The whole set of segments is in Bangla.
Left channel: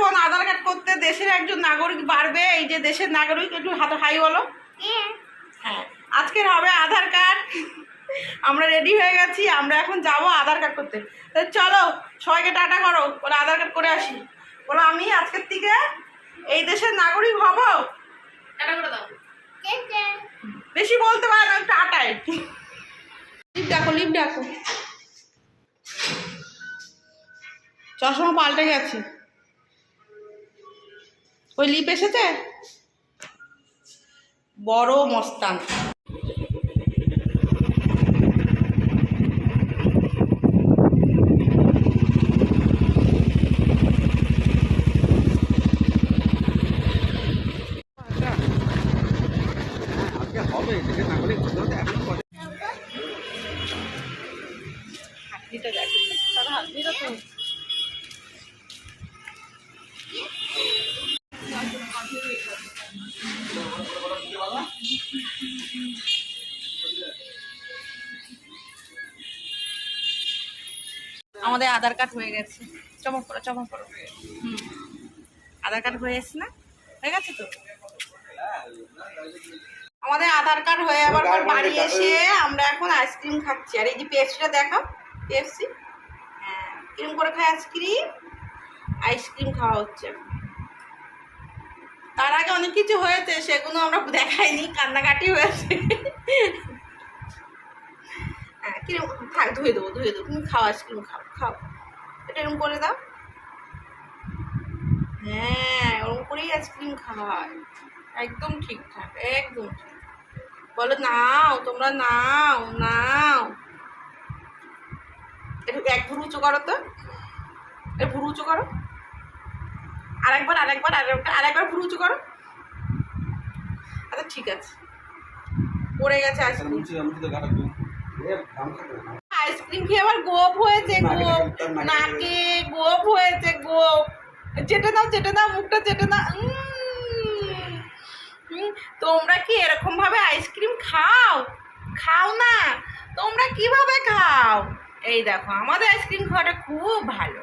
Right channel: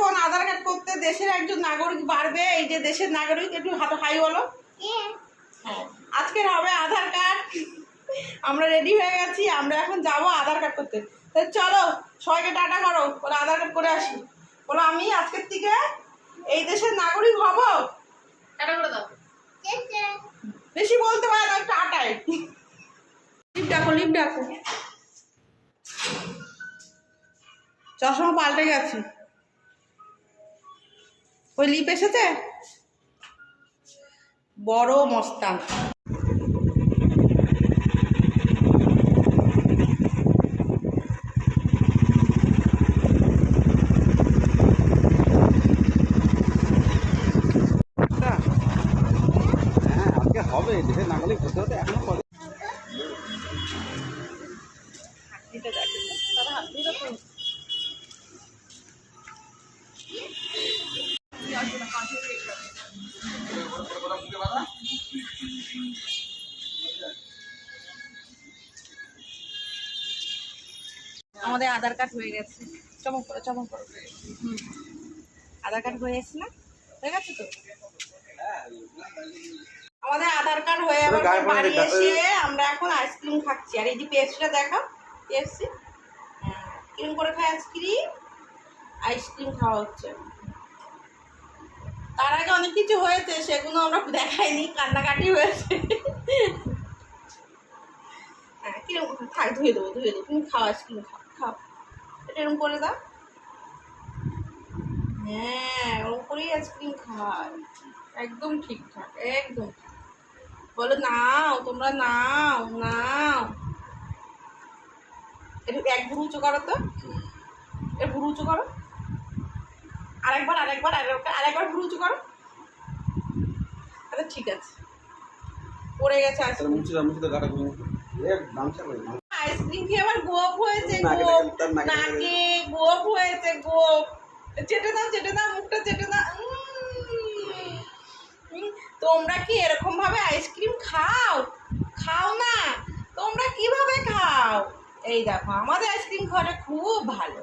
এখন আধার কার্ড করতে দেশের একজন নাগরিক বাড়বে এই যে দেশের নাগরিক একটু হাতে হাই বলো। হ্যাঁ। আজকের হবে আধার কার্ড। আমরা রেডি হয়ে গেছি আমরা এখন যাব আধার কার্ড করতে। তো চলো সবাইকে টাটা করো বলে আধার কার্ড করে আসি। বলো আমি আজকের থেকে এই দেশের নাগরিক হব? টাটা করে দাও। বেশি বলতে পারে না টাটাই লিপ ডাকো লিপ ডাকো। চশমা পাল্টে গেছে। ওই লিপ এসেছে? বড় মস্তান। হ্যাঁ আজকে হবে দেশের নাগরিক হতে হতে এখনও পরে। হাতনিটা দেখো। দাদা তো আমাদের আধার কার্ড হয়ে গেছে। চমক করো চমক করো হুম। আধার কার্ড হয়ে গেছে না? হয়ে গেছে তো? আমাদের আধার কার্ড হয়ে আবার বাড়ি এসে আমরা এখন আইসক্রিম খাচ্ছি। আর এই যে পেপসিটা দেখাও পেপসি? হ্যাঁ কিরম করে খাই আইসক্রিম? আইসক্রিম খাওয়া হচ্ছে। তার আগে অনেক কিছু হয়েছে, সেগুলো আমরা দেখাইনি, কান্নাকাটি হয়েছে। হ্যাঁ কীরকম থাক, ধুয়ে দেবো ধুয়ে দেবো। তুমি খাও আইসক্রিম, খাও খাও। এটা এরকম করে দাও। হ্যাঁ ওরকম করেই আইসক্রিম খায় একদম ঠিকঠাক, একদম ঠিক। বলো, নাও, তোমরা নাও নাও। একটু এক ভুরু উঁচু করো তো। এ ভুরু উঁচু করো। আরেকবার আরেকবার আরেকবার আরেকবার ভুরু উঁচু করো। আচ্ছা ঠিক আছে। পড়ে গেছে আইসক্রিম খেয়ে আবার গোপ হয়েছে গোপ। নাকে গোপ হয়েছে গোপ। চেটে দাও চেটে দাও মুখটা চেটে দাও। তোমরা কি এরকম ভাবে আইসক্রিম খাও? খাও না? তোমরা কীভাবে খাও? এই দেখো আমাদের আইসক্রিম খাওয়াটা খুব ভালো।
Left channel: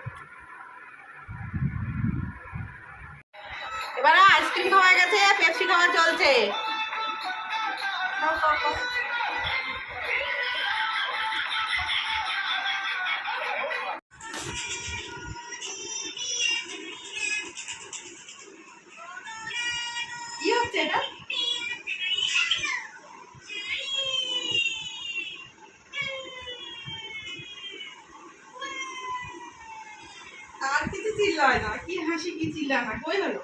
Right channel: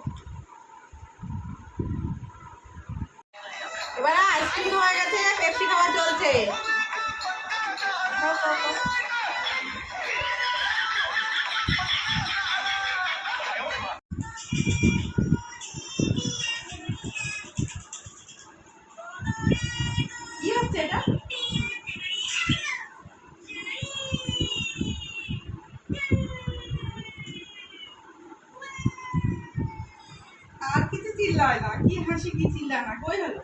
এবার আইসক্রিম খাওয়া গেছে, পেপসি খাওয়া চলছে। কি হচ্ছে এটা আর কিছু চিল্লায় না, কি হাসি, কি চিল্লা না, কই হলো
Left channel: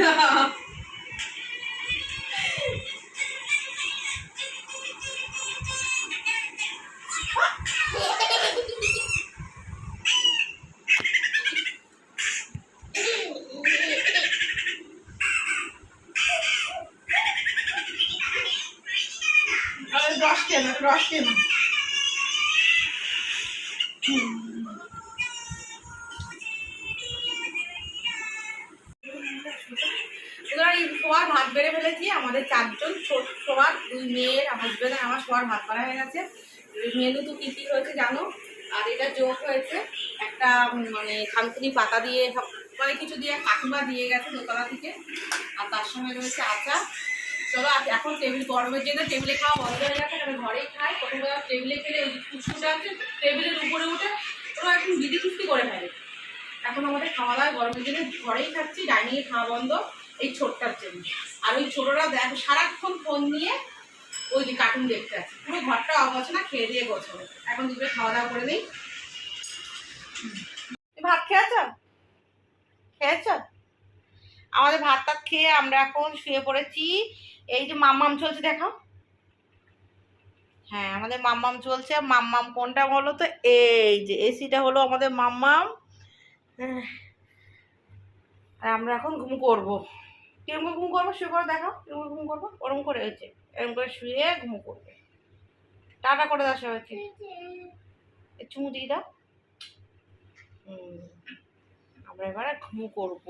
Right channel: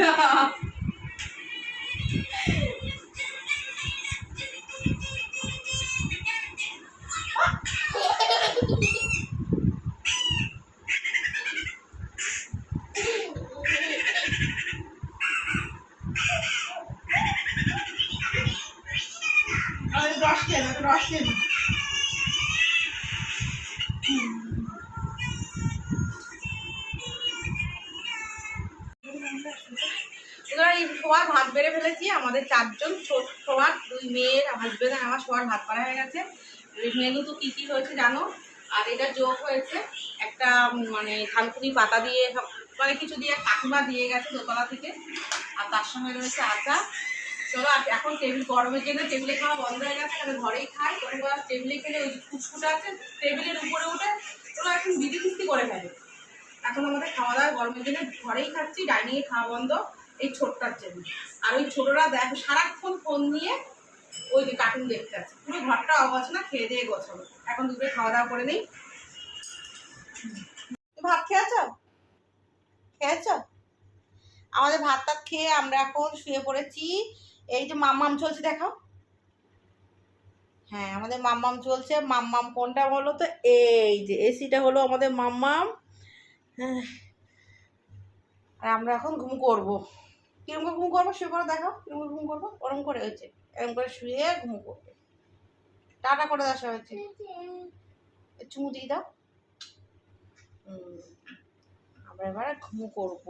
আচ্ছা আরে রস কেন এই ভাত বেড়ে ফেলেছি। আমাদের চারজন, ছোট শোয়ার, দুই মেয়ের হাজবেন্ড আর আমার শোয়ার ভাত করা হয়ে গেছে। মেনু তো কী কী হয়েছে জানো? আর এটা যোগ হয়েছে একটা মানে থানকুনি পাতা দিয়ে মানে কিছু দিয়ে কাকিমা দিয়ে গেছে দোতলা থেকে। আর তার সঙ্গে রয়েছে আচার। চলো এখন টেবিল গরমের জন্য টেবিলে খাওয়া বন্ধ হয়ে গেছে আমি ঘরেই খাই। কোনো টেবিলে খেলে ওই ফুসফুটা আছে টেবিলের উপরে উঠে ওরা এখন বিধি কিস্তি করে ফেলে। এখন আমাদের খাওয়া দাওয়া গরমের জন্য, ঘরেই খাচ্ছি ডাইনিংয়ে খাওয়া বন্ধ। এই ছোটটার জন্য। আর ওই ছোটরা দেখো, সারাক্ষণ ফোন নিয়ে ওই যে কার্টুন দেখতে আছে। পুরো ঘরটা অগোছানা, খেয়ে দিয়ে গোছানো। এখন দুপুরে খাওয়া দাওয়া করে নেই। ভাত খেয়েছ? খেয়েছ? আমাদের ভাত টাত খেয়ে আমরা এখন শুয়ে পড়েছি। এই যে মাম্মাম চলছে, দেখাও। হ্যাঁ আমাদের মাম্মাম চলছে। মাম্মাম কোনটা বলো তো? এই যে এসিটা হলো আমাদের মাম্মাম। হ্যাঁ। আর আমরা এখন ঘুম করব। কীরকম ঘুম করব? শুয়ে পড়ে, দেখো। কীরকম ঘুম করব? ওরম করে হয়েছে। এরকম করে শুয়ে ঘুম করবে। টাটা করে দেওয়া হয়েছে চুমু দিয়ে দাও। আমরা এবারে ঘুম করব।